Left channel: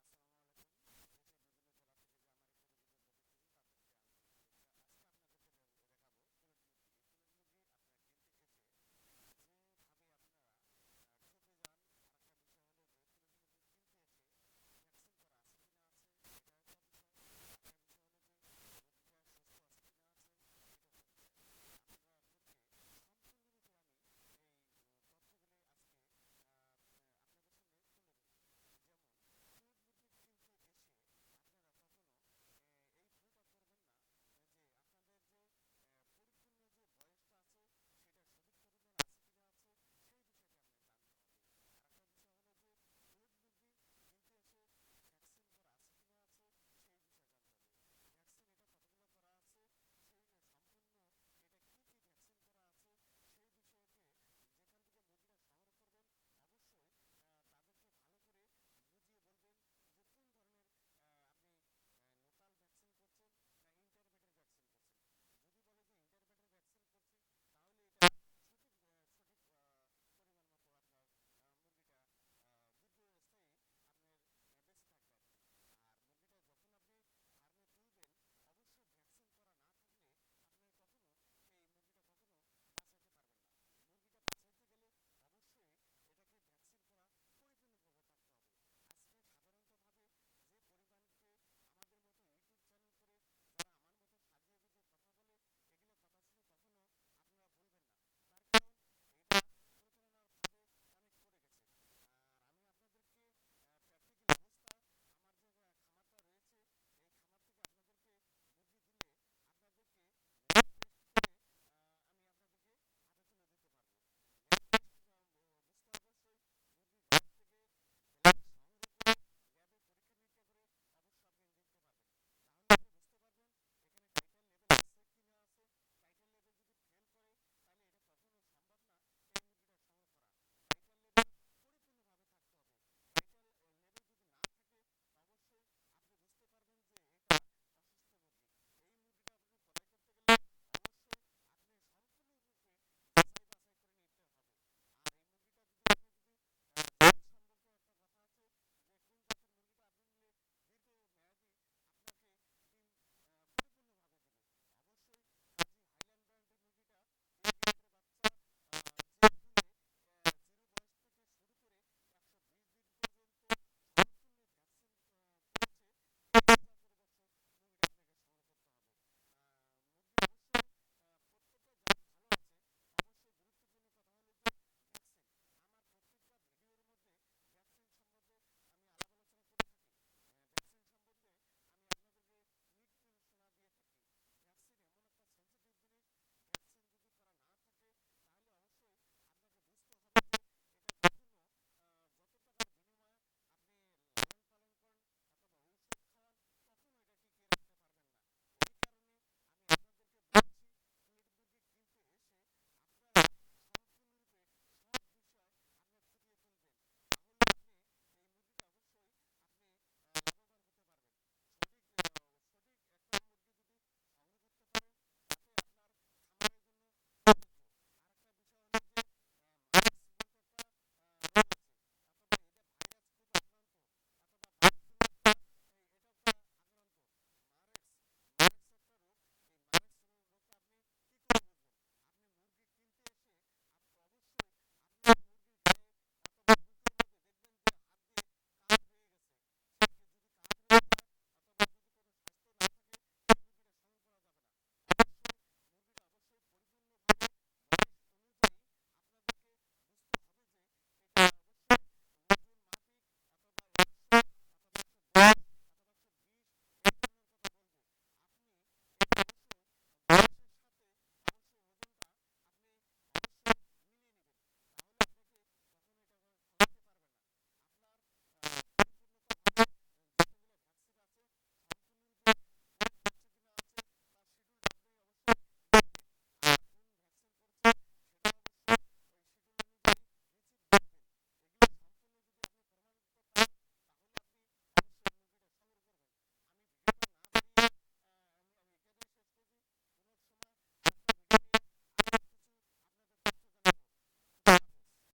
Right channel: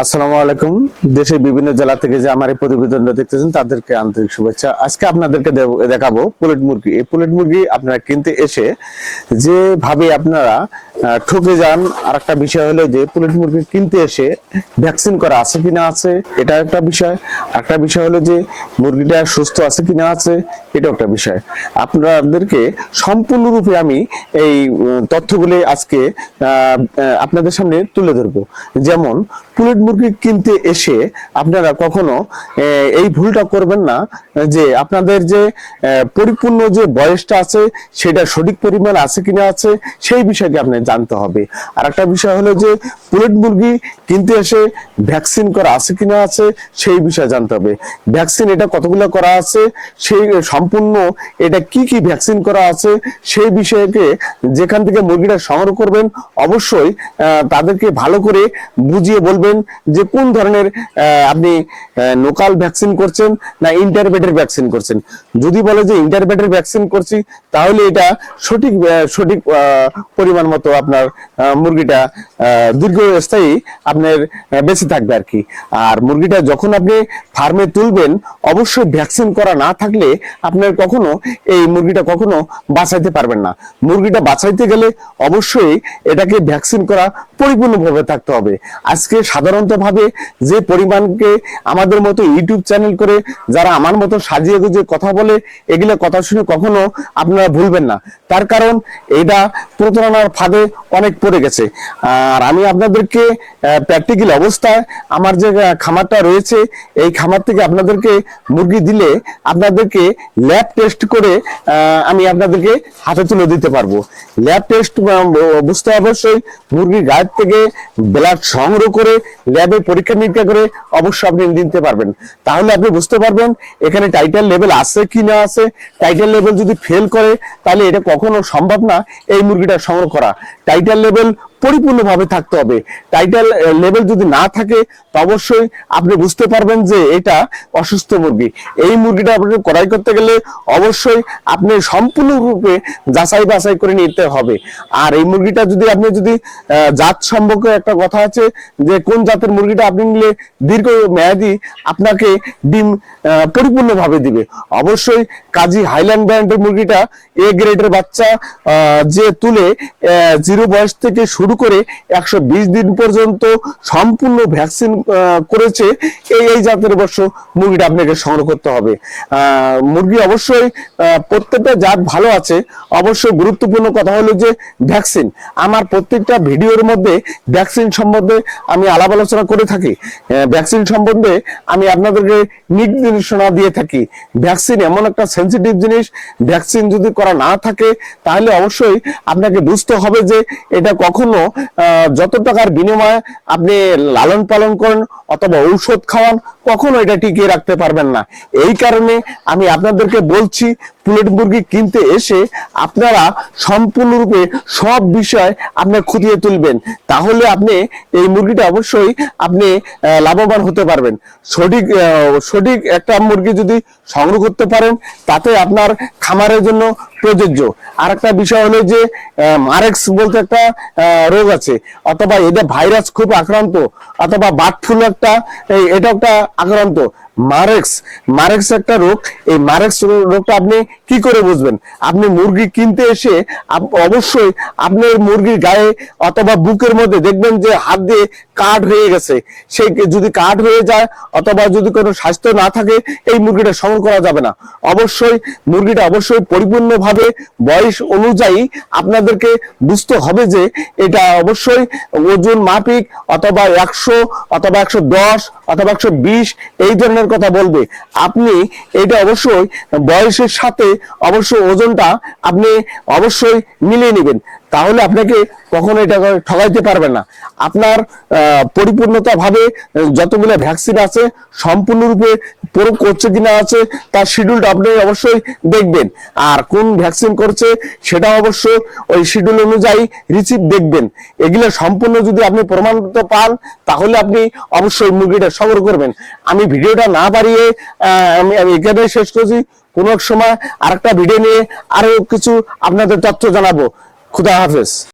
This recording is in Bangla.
আসসালামু আলাইকুম। দেশের বিভিন্ন জেলা থেকে যে আমার এই প্রতিবেদনটা দেখতেছেন, তাদেরকে আন্তরিক শুভেচ্ছা। আজকে আপনাদেরকে দেখাবো পুলেট মুরগি। এই পুলেট মুরগি আপনারা কিনতে এসে যে ভাবে আপনারা ঠকে যান আর একটা বিষয় হলো যে পুলেট মুরগি কিনতে এসে ভ্যাকসিন করা আছে কিনা আছে, এটা একটা বিষয়। একটা বিষয় হলো যে মুরগিটা সুস্থ আছে কিনা আছে এটা একটা বিষয়। আপনাদেরকে সম্পূর্ণরূপে আমি এই তথ্যগুলি আজকে আপনাদের সামনে তুলে ধরবো। যেমন পুলেট মুরগি কিনতে এসে আপনারা কখনো এই ভুলটা করবেন না, যে আপনাদের যে পরিপূর্ণ যে বয়সটা আছে, সেটা সঠিক পরিমাণ আছে কিনা আছে, সেই বিষয়কে আপনি জানতে হবে। আর একটা বিষয় হলো যে, পুলেট মুরগি কিনতে এসে ভ্যাকসিন করা আছে কিনা আছে, সেই বিষয়ে জানতে হবে। ভ্যাকসিন এটা কতগুলো করা আছে, সেই সম্পূর্ণ এটা কি কি ভ্যাকসিন করা আছে, সেই বিষয়কে যেখান থেকে মুরগিটা সংগ্রহ করবেন, অবশ্যই তাদেরকে ভালো করে বুঝিয়ে বলবেন যে কোন ধরনের আপনি লোকাল ভ্যাকসিন করছেন না ইন্টারবেটের ভ্যাকসিন করছেন। যদি বলে যে ইন্টারবেটের ভ্যাকসিন করছি, তাহলে এটা সঠিক সঠিক পরিমাণ মতো আপনার মুরগিটা দীর্ঘস্থায়ী আপনার বেঁচে থাকবে আর কি। আর মুরগিটা যখন আপনি ফার্মে তুলবেন, অবশ্যই ভ্যাকসিন করা না থাকলে আপনার কখনো এই মুরগিটা কখনো বাঁচাইতে পারবেন না। মুরগিটা বাঁচাইতে গেলে অবশ্যই এটাকে ভ্যাকসিন করা পরিপূর্ণভাবে থাকতে হবে। আজকে সাধারণত ভাবে যে পরিমাণকে আমাদের মতো ইউটিউব চ্যানেল করে যারা আমার মতো সাজিয়ে গুজিয়ে কথা বলে, এগুলো কথা শুনে কখনো আপনারা ভুলবেন না। তার কারণ এটা প্রতারণার ফাঁদে অনেক পড়ে গেছে। আর আমি আপনাদেরকে প্র্যাকটিক্যাল অবস্থায় আমার যে খামারটা রয়েছে, এই খামার থেকে আপনাদেরকে মুরগি দিলে আপনাদেরকে ল্যাব টেস্ট করে আমি আপনাদেরকে হাতে তুলে দিতে পারব। ল্যাব টেস্ট বুঝতে অবশ্যই মুরগির গায়ের থেকে ব্লাড সংগ্রহ করে ল্যাবে পরীক্ষা নিরীক্ষা করে অবশ্যই আপনি দিতে পারবেন। তাহলে আপনি বুঝতে পারবেন এখানে টাইটেল লেভেল আছে কি না আছে। টাইটেল লেভেল যদি ফেল করে, তাহলে এটা কখনো সম্ভব না এই মুরগিটা সংগ্রহ করা। টাইটেল লেভেল পরিপূর্ণভাবে থাকতে হবে। টাইটাল লেভেল যদি না থাকে, তো অবশ্যই আপনি বুঝতে পারবেন যে এটা অসুস্থ মুরগি। এই মুরগিটা আপনাকে ক্রয় করতে গেলে অবশ্যই আপনি সম্পূর্ণরূপে যাচাই বাছাই করে নিতে হবে। আর এই মুরগিটা যদি আপনি যদি জাত সম্পর্কে একটা কথা আছে যে কোন জাতের মুরগিটা আপনি নিলে দীর্ঘ মেয়াদি আপনাকে ডিম পরিপূর্ণভাবে দিবে। অবশ্যই কাজী হাইল্যান্ড ব্র্যান্ডের মুরগিটা এ গ্রেডের বাচ্চা যে তুলে জিরো বয়স থেকে শুরু করে একশো বিশ দিন পর্যন্ত সম্পূর্ণ ভ্যাকসিন করেছে এই এই জাতের অবশ্য মুরগিটা আপনাকে সংগ্রহ করতে হবে। মুরগি অবশ্যই প্রত্যেকটা জাত ভালো আছে। অবশ্যই গুরুত্বপূর্ণ কথা হলো যে ভ্যাকসিন। আমার প্রত্যেকটা ভিডিওর মধ্যে ভ্যাকসিন সম্বন্ধে আমি আলাপ আলোচনা করে থাকি। ভ্যাকসিন সম্বন্ধে আমি আপনাদেরকে নির্দেশনা দিয়ে থাকি। ভ্যাকসিন এমন একটা সেন্সিটিভ জিনিস, ভ্যাকসিন যদি করা না থাকে, তাহলে অবশ্যই আপনাকে বুঝতে হবে যে এটা কখনো যত টাকার বিনিময়ে আপনি লালন পালন করেন অথবা ঔষধ খাওয়ান কখনো এটা টিকিয়ে রাখতে পারবেন না। এই কারণে আমি আপনাদেরকে বলছি, পুলেট মুরগি কিনতে এসে আপনারা সম্পূর্ণরূপে সব বিষয় আপনি খুঁটিয়ে তুলবেন। তাহলে আপনি এই মুরগিটা অবশ্যই আপনি লাভবান হতে পারবেন। সঠিক সঠিক একটা মুরগি যদি সংগ্রহ করতে পারেন, তাতে আপনার খামারের জন্য প্রযোজ্য। আর একটা বিষয় হলো যে মারেক্স বলতে একটা রোগ আছে, অথবা এটা ভাইরাস খুব আক্রান্ত, অথবা বার্ড ফ্লু একটা এটা একটা আক্রান্ত। মারেক্স মারেক্স একটা রোগ। এই মারেক্স রোগটা আপনি কি করে বুঝবেন? আপনি মুরগি কিনতে এসে অবশ্যই আপনার মুরগির গায়ে অথবা বুকের মধ্যে দেখবেন যে হাত দিয়ে কাঠ হয়ে গেছে। সেই যদি কাঠ হয়ে যায় অথবা যদি কোনো স্বাস্থ্য না থাকে, এই মুরগিটা সংগ্রহ করা যাবে না। অবশ্যই মুরগিটা অবশ্যই পরিপূর্ণভাবে বয়স অনুযায়ী আপনাদেরকে বুঝতে হবে যে এটা অবশ্যই ওজন মাপিক অথবা একশো অথবা একশো দশ অথবা একশো বিশ, এই ধরনের কথা বলবে। আপনি এটা অবশ্যই বয়সের সাথে অবশ্যই ওজনটা আপনি অবশ্যই মিলিয়ে নেবেন। তাহলে আপনাকে কখনো এটা ঠগাইতে পারবে না। আপনার আহ, পরিপূর্ণতা ভাবে যতগুলো ভ্যাকসিন আছে সম্পূর্ণরূপে প্রয়োগ করছে কিনা আছে তার শিডিউলটা আপনি অবশ্যই দেখবেন। আর কোন ভ্যাকসিন করছে সেটা অবশ্য ওই শিডিউল অনুযায়ী রিসিভ দেখবেন। এগুলো সম্পূর্ণ যদি আপনি প্রমাণিত পান তাহলে আপনি অবশ্যই মুরগিটা সংগ্রহ করবেন। আমি ভিডিওটা না বাড়িয়ে আমি আমি এখানে শেষ করছি। কোন এক সময় আরেকটা ভিডিও নিয়ে আরও কিছু আপনাদের তথ্য জানাব। খুদা হাফেজ